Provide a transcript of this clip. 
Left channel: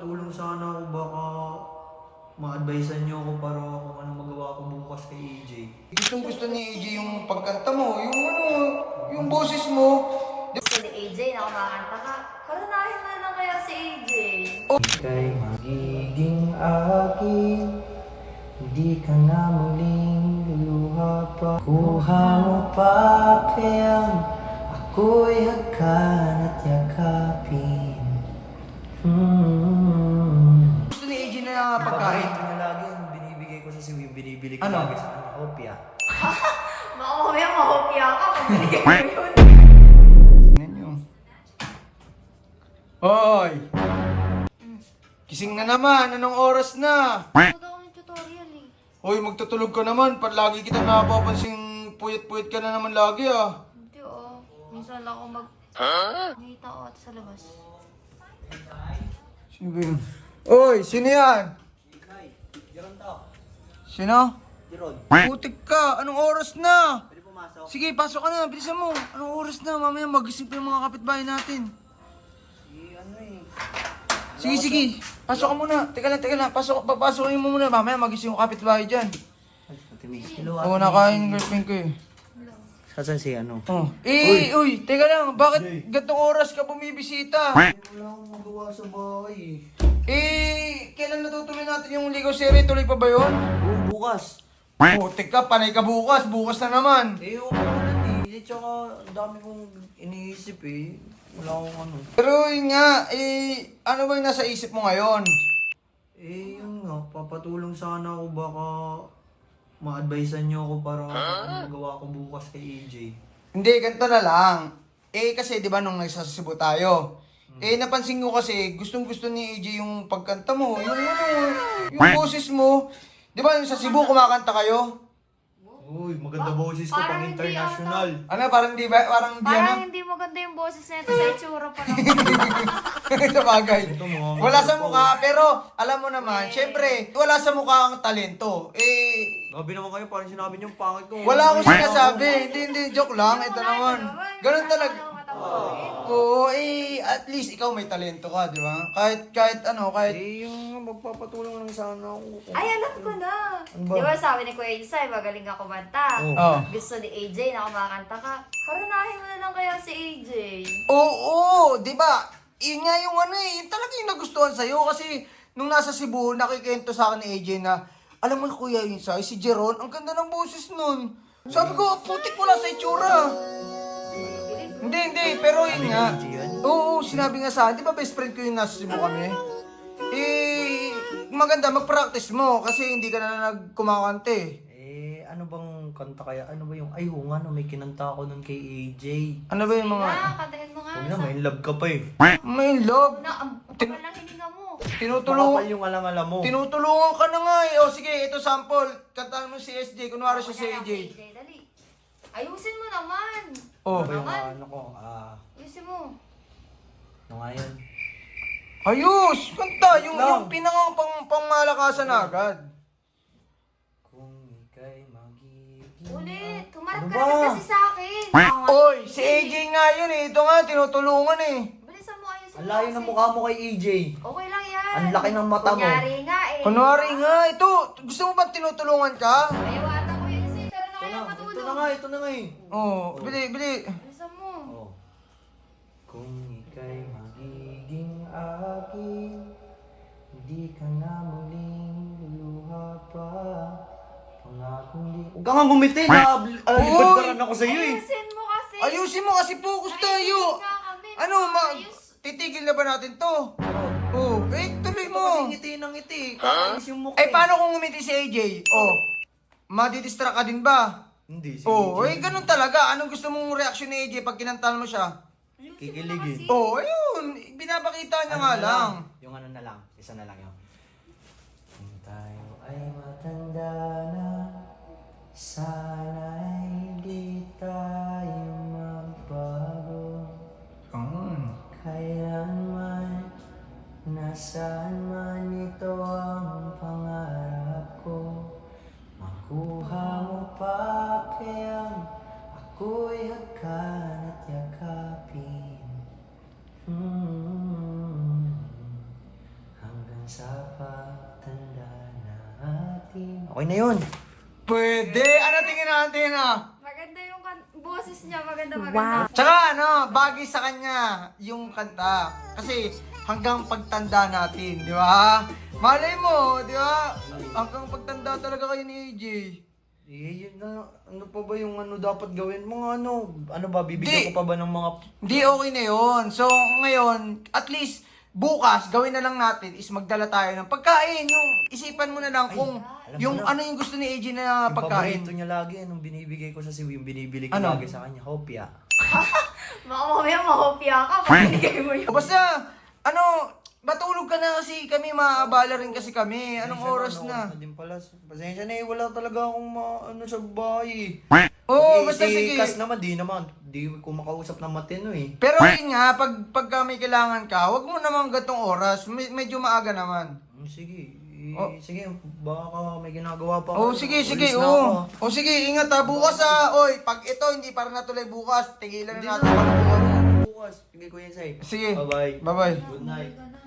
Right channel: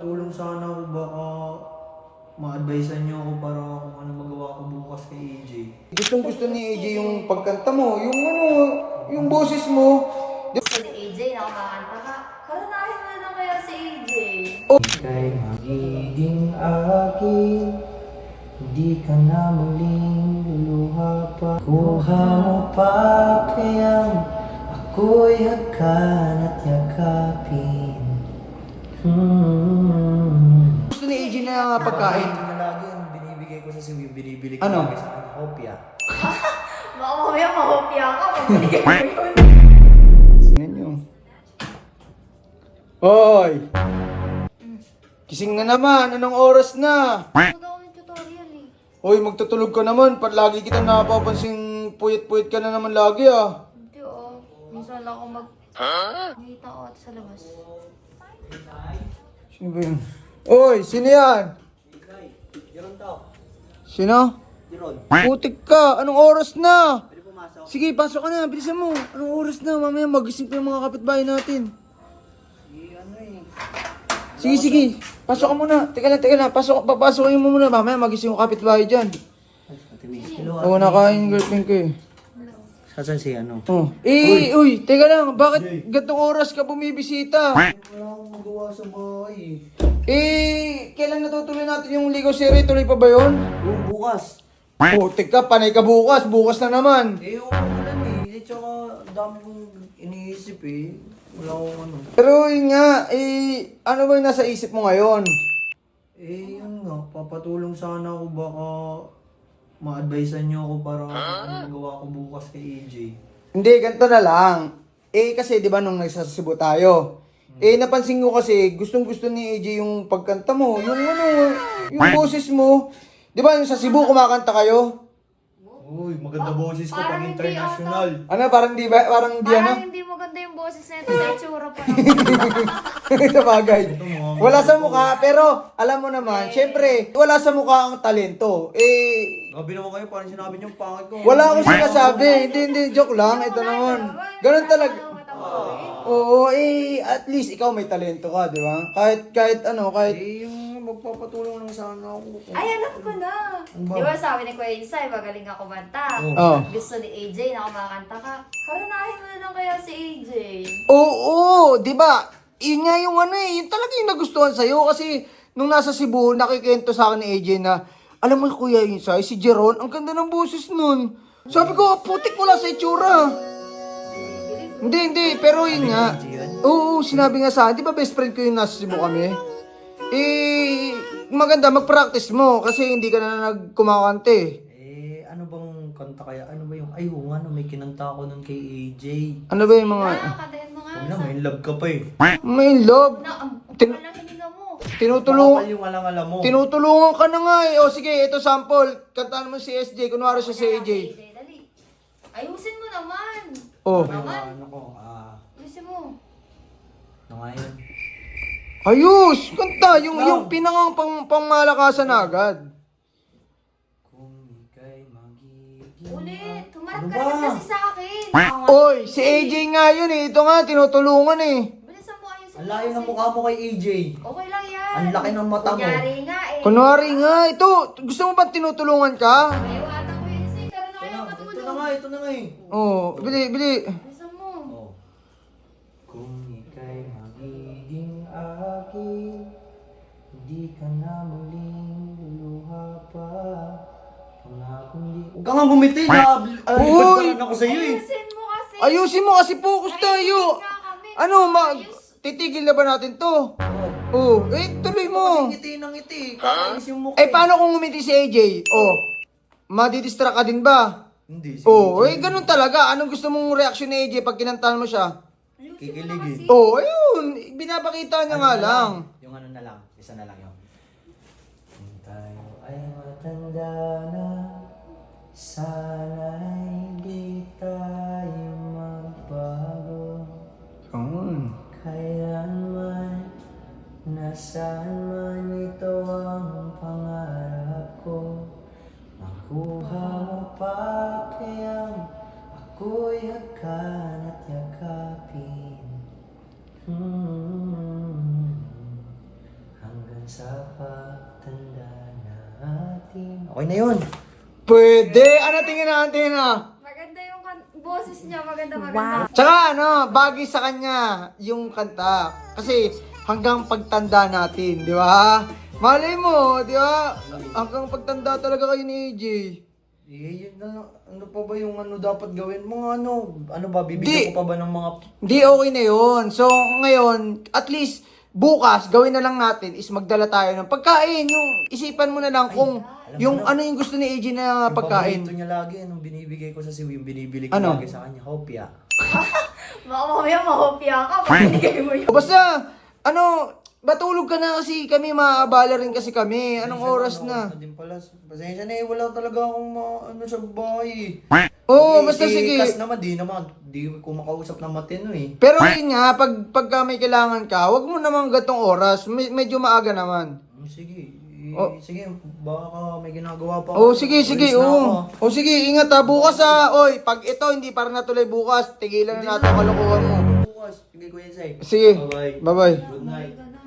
Papatulong sana ako, baka ma-advisean niyo ako para kung ano magawa ko bukas kay AJ. Gustong gusto ni AJ yung pagkanta mo, yung ano, yung boses mo. Gusto ni AJ na kumakanta ka. Karanahin mo na lang kaya si AJ. Ika'y magiging akin, hindi ka na muling luluha pa. Kuha mo pa kayang ako'y hagkan at yakapin. Gusto ni AJ na pagkain. Ito na lagi yung binibigay ko sa yung binibili ko Ano? lagi sa kanya, hopya. Baka mamaya mahopya ka pag binigay mo yun. Tingnan nyo. Hoy! Kising na naman, anong oras na? Ano daw ng tutorial eh. Hoy, magtutulog ka naman, lagi kita napapansing puyat-puyat ka na naman lagi ah. Hindi oh. Minsan lang ako nakita ko ito sa labas. Sino ba yun? Hoy, sino yan? Jeron to. Sino? Jeron. Putik ka, anong oras na? Pwede pumasok. Sige, pasok ka na, bilisan mo. Anong oras na? Mamaya magising pa yung mga kapitbahay natin. Ano eh. Sige, sige. Pasok ka muna. Teka lang. Papasokin mo muna. Mamaya magising yung kapitbahay dyan. Ate Mace. Hello, Oo, nakain yung girlfriend ko eh. Saan si ano? Oh. Uy, teka lang. Bakit gantong oras ka bumibisita? Wala akong magawa sa bahay Kailan natutuloy natin yung Ligaw series? Tuloy pa ba yun? bukas. Putik ka, panay ka bukas. Bukas na naman. Eh, umulan eh. Tsaka, dami kong iniisip eh. Wala akong ano. Pero yun nga, ano ba yung nasa isip mo ngayon? Eh, yun nga. Papatulong sana ako, baka ma-advisean niyo ako para kung ano magawa ko bukas kay AJ. Hindi, ganito na lang. Kasi di ba nung nasa Cebu tayo, napansin ko kasi gustong-gusto ni AJ yung pagkanta mo, yung boses mo. Di ba sa Cebu kumakanta kayo? Uy, maganda boses ko pang parang hindi international. Ano, parang di ba, parang di ano? Parang hindi maganda yung boses na ito sa itsura pa lang. Sa bagay. Ito, mga Wala sa mukha, pero alam mo naman, syempre, wala sa mukha ang talento. Gabi naman kayo, parang sinabi niyo pangit ko. Wala akong sinasabi. Hindi, joke lang. Ito naman. Ganun talaga. Oo, at least ikaw may talento ka, di ba? Kahit ano, kahit... Yung magpapatulong lang sana ako. Ay, alam ko na. ba? Di ba sabi ni Kuya Insay, magaling ka kumanta. Oh. Gusto ni AJ na kumakanta ka. Karanahin mo na lang kaya si AJ. Oo, di ba? Yun nga yung ano yun talaga yung nagustuhan sa'yo kasi nung nasa Cebu, nakikento sa akin ni AJ na, alam mo Kuya Insay, si Jeron, ang ganda ng boses nun. Sabi ko, putik mo lang sa itsura. Hindi, pero yun nga. Oo, sinabi nga sa akin, di ba best friend ko yung nasa Cebu kami? Maganda, mag-practice mo kasi hindi ka na nagkumakante. Ano bang kanta kaya? Ano ba yung, ay, oo nga, no, may kinanta ako nun kay AJ. Ano ba yung mga... Kantahin mo nga. Huwag na, may love ka pa eh. May love. Na, ang kapal ng hininga mo. Tinutulungan. Makapal yung alang-alam mo. Tinutulungan ka na nga eh. O sige, ito sample. Kantaan mo si SJ. Kunwari siya si Kanya lang AJ. Dali. Ayusin mo naman. Oh. Ano yung Naman. ano ko? Ayusin mo. Ano nga yun? Ayos! Kanta! Yung Lang. pinangang pangmalakasan agad. Kung ika'y magiging... Ulit. Humarap Ano ka ba? rin kasi sa akin. Oy, si AJ nga yun eh. Ito nga, tinutulungan eh. Bilisan mo, ayusin mo. Ang layo ng kasi. mukha mo kay AJ. Okay lang yan. Ang laki ng mata mo. Kunyari nga eh. Kunwari nga, ito. Gusto mo ba tinutulungan ka? Ayaw ata ko yun kasi. Pero na kaya Ito matulog. na nga, ito na nga eh. Oh, bili. Bilisan mo. Oh. Kung ika'y magiging akin, hindi ka na muling luluha pa. Pangakong di... Huwag ka nga gumiti, nalibad pa rin ako sa'yo eh. Ayusin mo kasi. Ayusin mo kasi focus tayo. Nga kami. Ano, titigil na ba natin to? Oh, tuloy Kasi mo. ngiti ng ngiti, kakainis yung mukha Paano kung umiti si AJ? Oh, madidistract ka din ba? Hindi, si Oh, AJ. ganun talaga. Anong gusto mong reaksyon ni AJ pag kinantahan mo siya? Ayusin mo na Kikiligin. kasi. Oh, ayun. Binapakita niya nga na lang. Yung ano na lang, isa na lang yun. Kung tayo ay matanda na, sana'y di tayo magbago. Kailanman, nasaan man ito ang pangarap ko. Makuha mo pa kayang ako'y hagkan at yakapin. sa pagtanda natin. Okay na yun. Pwede! Ano tingin natin Maganda yung boses niya, maganda. Tsaka bagay sa kanya yung kanta. Kasi hanggang pagtanda natin, di ba? Malay mo, di ba? Hanggang pagtanda talaga kayo ni AJ. Yun na lang. Ano pa ba yung dapat gawin? Mga ano ba, bibigyan ko pa ba ng mga... Di, okay na yun. So, ngayon, at least, bukas, gawin na lang natin is magdala tayo ng pagkain. Yung isipan mo na lang kung yung mo na. ano yung gusto ni AJ na Yung pagkain. paborito niya lagi, nung binibigay ko sa Cebu, yung binibili ko Ano? lagi sa kanya, hopya. Baka mamaya mahopya ka pag binigay mo yun. O basta, batulog ka na kasi kami, maaabala rin kasi kami. Anong oras na? Din pala. Pasensya na wala talaga akong sa bahay. Oo, basta sige. Kas naman, di ko makausap na matino eh. Pero yun nga, pagka may kailangan ka, wag mo naman gatong oras. Medyo maaga naman. Sige. Oh. Sige, baka may ginagawa pa Oh, sige, Alis na ako. Oh, sige, ingat bukas Oy, pag ito hindi para natuloy bukas, tigilan na natin ang kalokohan mo. Bukas. Sige, Kuya Zay. Sige. Bye-bye. Bye-bye. Good night. Ka na.